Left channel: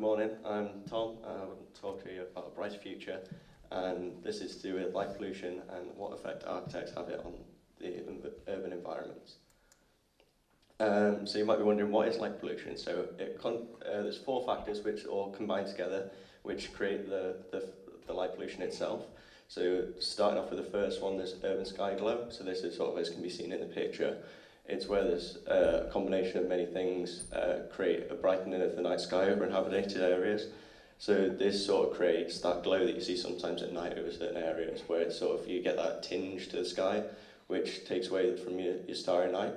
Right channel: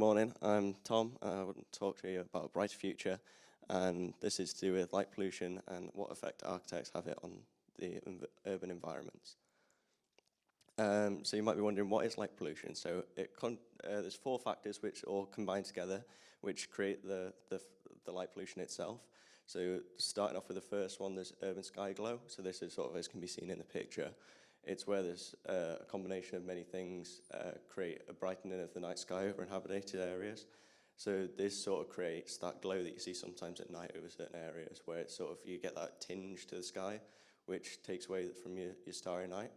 morning. I'm Tom. I want to talk to you about a brighter future, and this is to do with light pollution and what effect architects have it on the urban environments. So you might be wondering, what is light pollution? So there's four factors which all combine together, which create the light pollution itself. So starting off with the first one, there's urban sky glow. So this is sort of as can be seen in the picture. It's where there's a combination of many things create a brightening of the night sky over inhabited areas. So this sort of creates that glow that you see sometimes at night over certain areas, where it's sort of you get that tinge to the sky, which takes away from your starry night.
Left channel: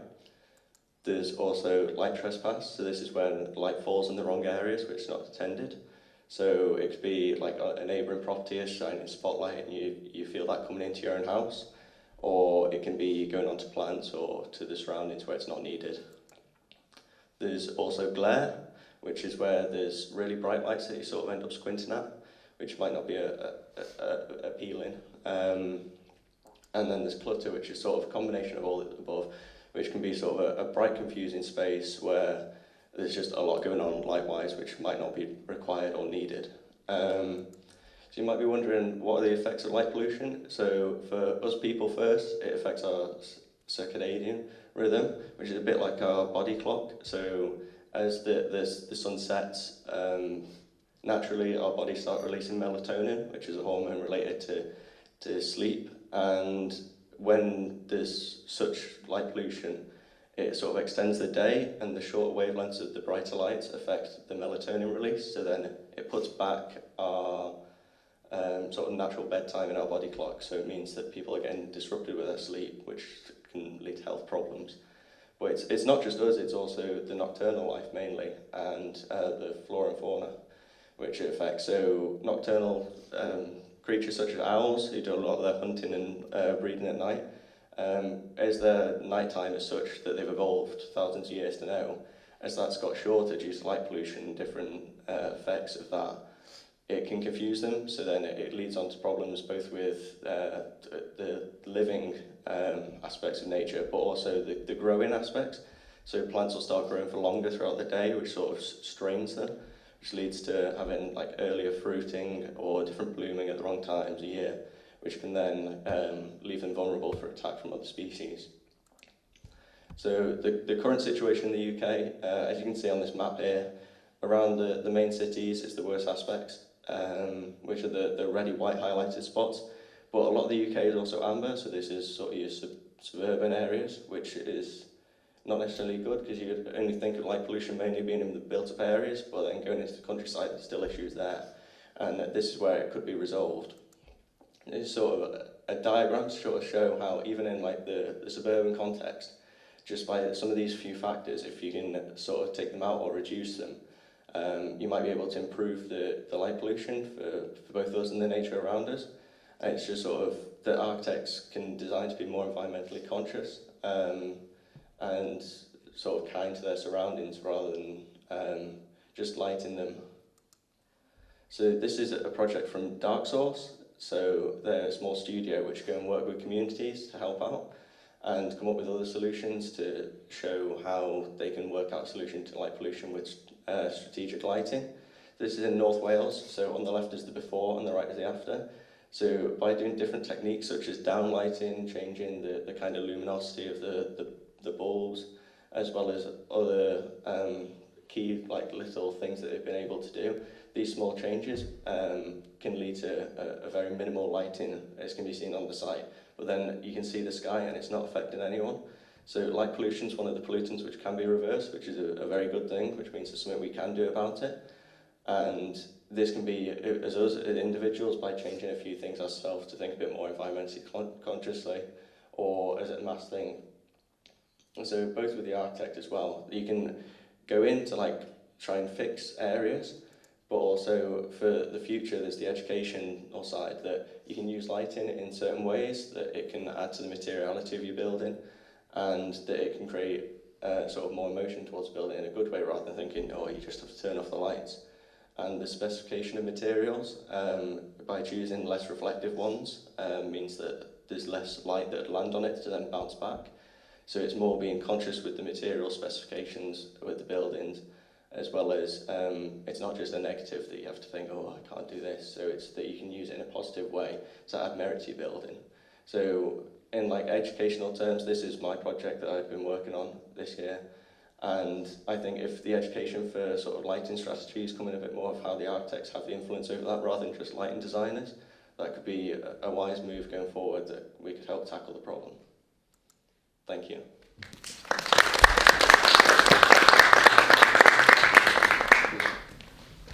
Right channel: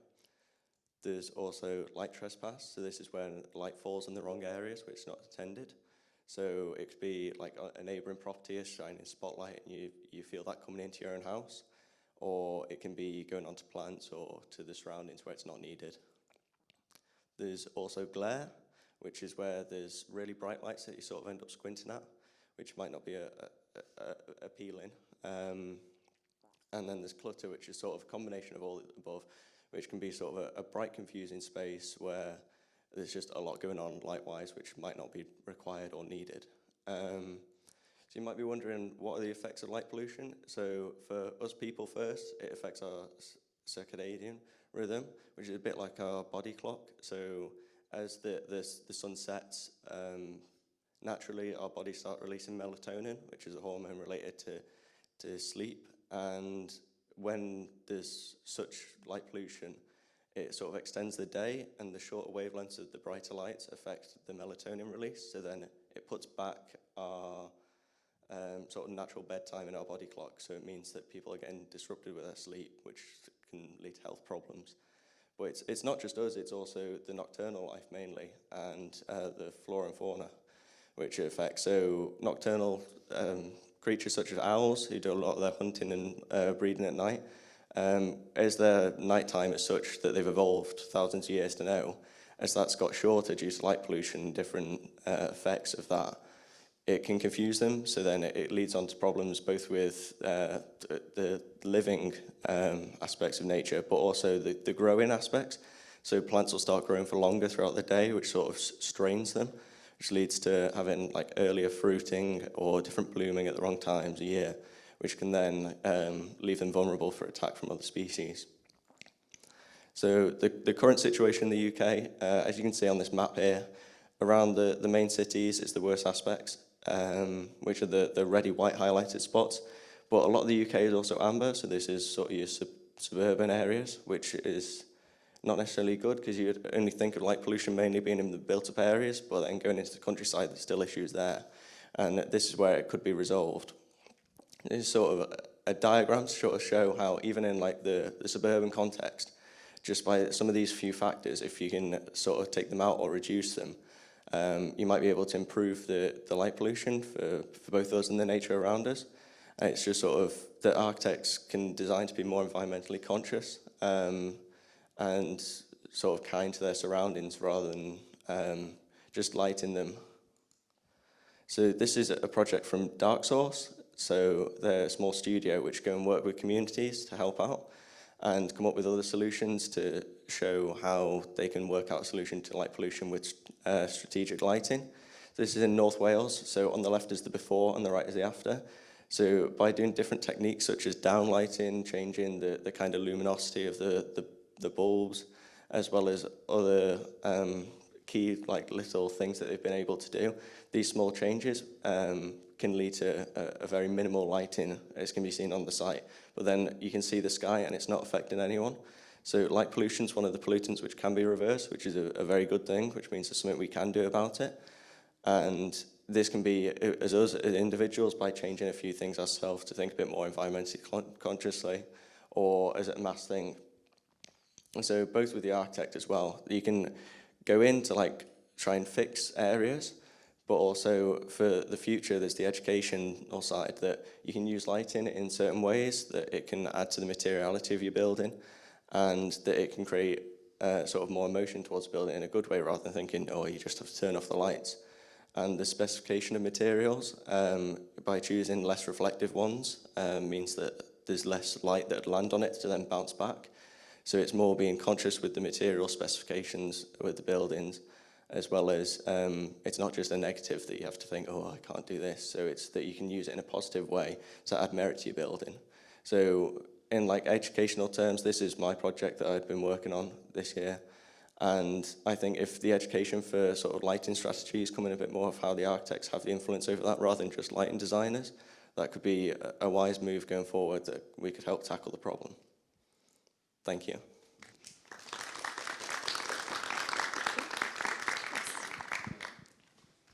There's also light trespass. So this is when light falls in the wrong areas, which is not intended. So it could be like a neighbouring property is shining a spotlight and you feel that coming into your own house. Or it can be going onto plants or to the surroundings where it's not needed. There's also glare, which is where there's really bright lights that you sort of end up squinting at, which might not be appealing. And then there's clutter, which is sort of a combination of all the above, which can be sort of a bright, confusing space where there's just a lot going on light-wise, which might not be required or needed. So you might be wondering, what are the effects of light pollution? So for us people first, it affects our circadian rhythm, which is a bit like our body clock. So as the sun sets, naturally our bodies start releasing melatonin, which is a hormone related to sleep. And when there's such light pollution, it sort of extends the day, and the shorter wavelengths of the brighter lights affect the melatonin release. So then it puts back our sort of natural bedtime in our body clock, so it means that people are getting disrupted with their sleep, which can lead to health problems. But it's not just us, it's also the nocturnal life mainly, and the flora and fauna, which it affects. So nocturnal creatures such as owls, who do a lot of their hunting and breeding at night, as their nighttime is such that they've evolved thousands of years to know, as that's got shorter due to light pollution and different effects of that, it can confuse them, so then it leads on to problems both with the living aspects of nature, but also the growing aspects. So plants will start growing for longer throughout the day, which sort of strains them, which leads to having like earlier fruiting or different blooming at the wrong times of year, which can then leave them vulnerable for attack from other species. So the current situation in the UK, as you can see on this map here, around the main cities is the worst aspects, which are the reddy white highlighted spots. But a lot of the UK is also amber, so this is sort of your suburban areas, which is not necessarily good, because you only think of light pollution mainly being in the built-up areas, but then going into the countryside, there's still issues there. And this is where it could be resolved. This is sort of a diagram to sort of show how even in like the suburban context, just by some of these few factors, if you can sort of take them out or reduce them, you might be able to improve the light pollution for both us and the nature around us. And it's just sort of that architects can design to be more environmentally conscious and sort of kind to their surroundings rather than just lighting them. So this is a project from Dark Source. So they're a small studio which go and work with communities to help out and come up with other solutions to show how they can work out a solution to light pollution with strategic lighting. This is in North Wales, so on the left is the before and the right is the after. So by doing different techniques such as downlighting, changing the kind of luminosity of the bulbs, as well as other key like little things that they've been able to do, these small changes can lead to a very minimal lighting, as can be seen on the site. But then you can see the sky and it's not affecting anyone. So light pollution is one of the pollutants which can be reversed, which is a very good thing, which means there's something we can do about it. And this can be, as us as individuals, by changing a few things ourselves to think a bit more environmentally consciously, or as a mass thing. And so both with the architect as well, you can go in to like try and fix areas, but also for the future there's the educational side that you can use lighting in certain ways, that it can add to the materiality of your building, and that it can create sort of more emotion towards building in a good way rather than thinking, oh, you just have to turn off the lights. And the specification of materials, by choosing less reflective ones, means that there's less light that would land on it to then bounce back. So it's more being conscious with the material specifications with the buildings, as well as it's not just a negative that you have to think, oh, I can't do this. So it's that you can use it in a positive way to add merit to your building. So in like educational terms, this is my project that I've been working on this year. And I think if the education for sort of lighting strategies come in a bit more of how the architects have the influence over that rather than just lighting designers, that could be a wise move going forward that we could help tackle the problem. Thank you.